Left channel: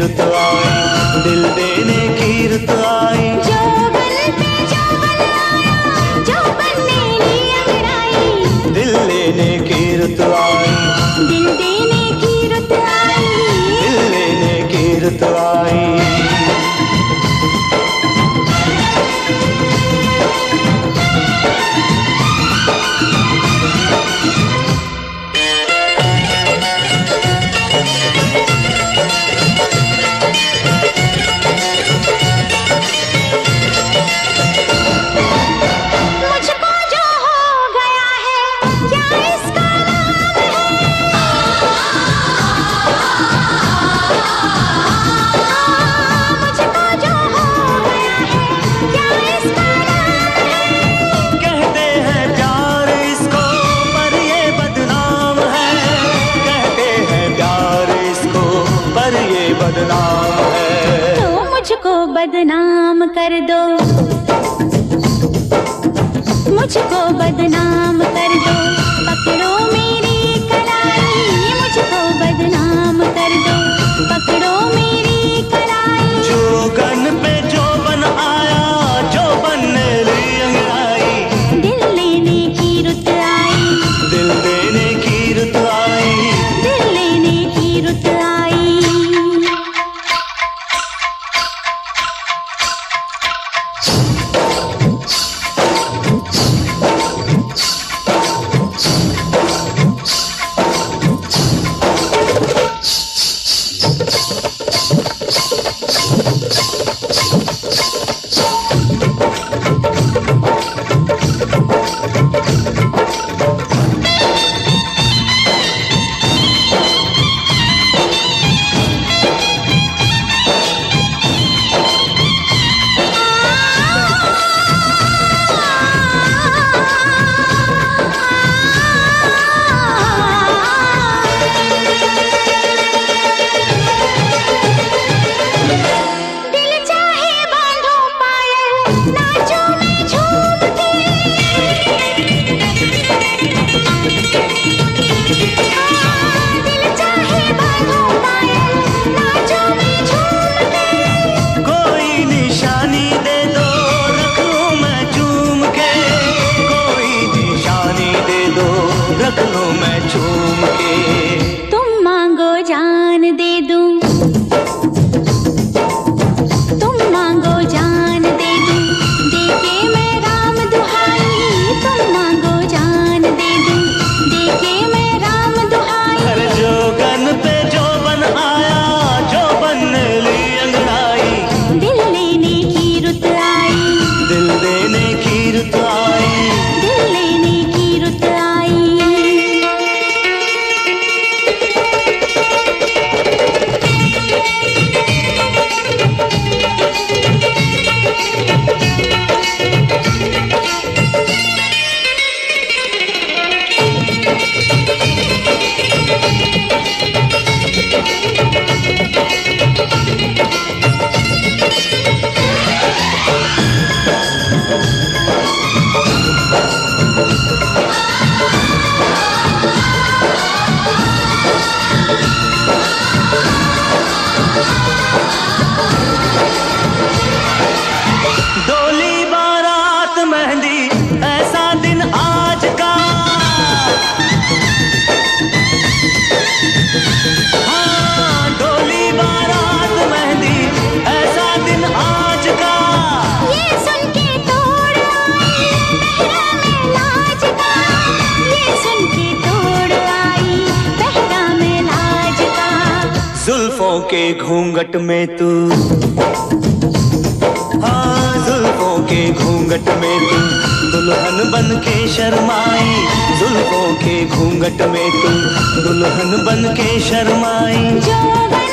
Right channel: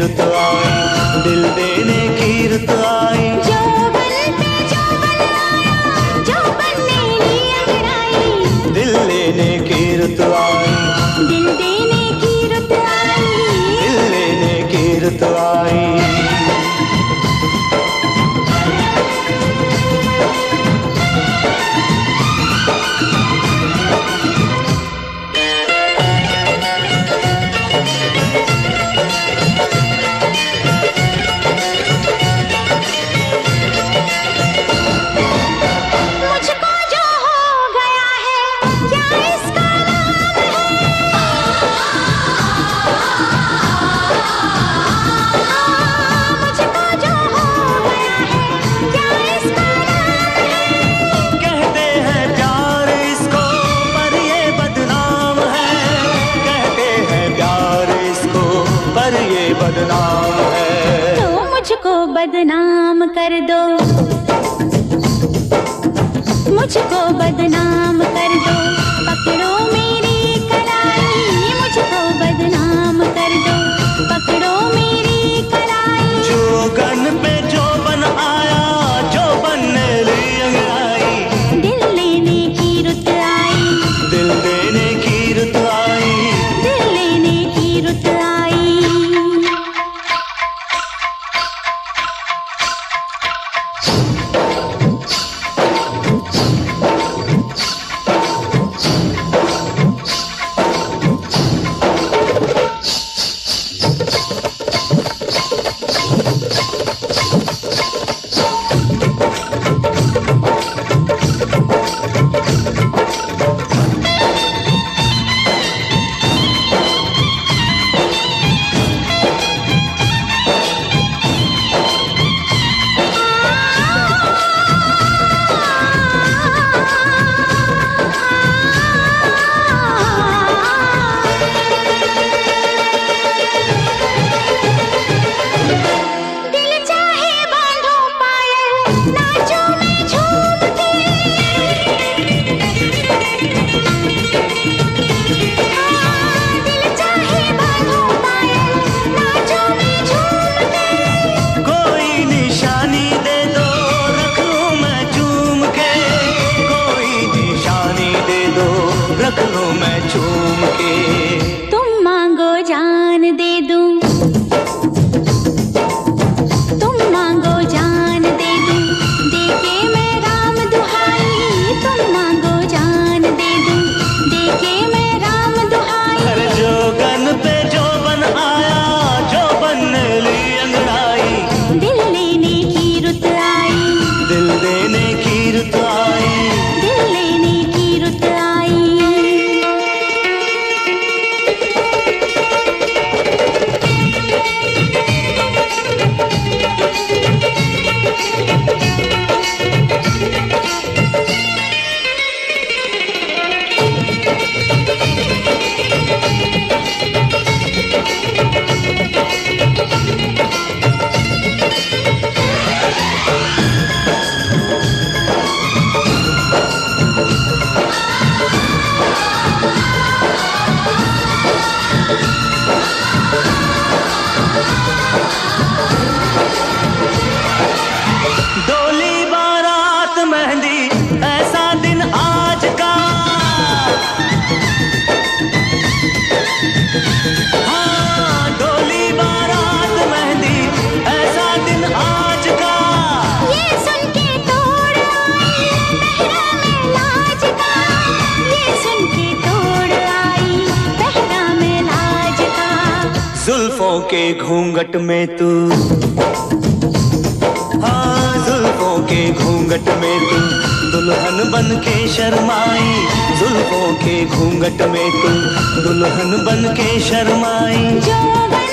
रुत आई, दिल देने की रुत आई। जोबन पे जोबन आया, जोबन ने ली अंगड़ाई। दिल लेने की रुत आई, दिल देने की रुत आई। दिल लेने की रुत आई। बदनाम है तो मुझको बदनाम कर दो, मुझको बदनाम कर दो। पकड़ो मेरी कलाई, मुझको बदनाम कर दो। पकड़ो मेरी कलाई। जोगन पे जोबन आया, जोबन ने ली अंगड़ाई। दिल लेने की रुत आई, दिल देने की रुत आई। दिल लेने की रुत आई। रख लूं मैं चूम के। तुम मांगो जान दे दूं, तुम मांगो जान दे दूं। देके मैं राम दुहाई, तुम मांगो जान दे दूं। देके मैं राम दुहाई। हर जोगन पे जोबन आया, जोबन ने ली अंगड़ाई। दिल लेने की रुत आई, दिल देने की रुत आई। दिल लेने की रुत आई। डोली बारात मेहंदी ऐसा दिन आज का। हाँ, डोली बारात मेहंदी ऐसा दिन आज का। ये सुन के तोड़ आई पहरा में लाज का। ये सुन के तोड़ आई पहरा में लाज का। जुल्फों के घूंघट में तू, हाँ जुल्फों के घूंघट में तू दुल्हन बन के शर्माई। जुल्फों के घूंघट में तू दुल्हन बन के शर्माई। जोबन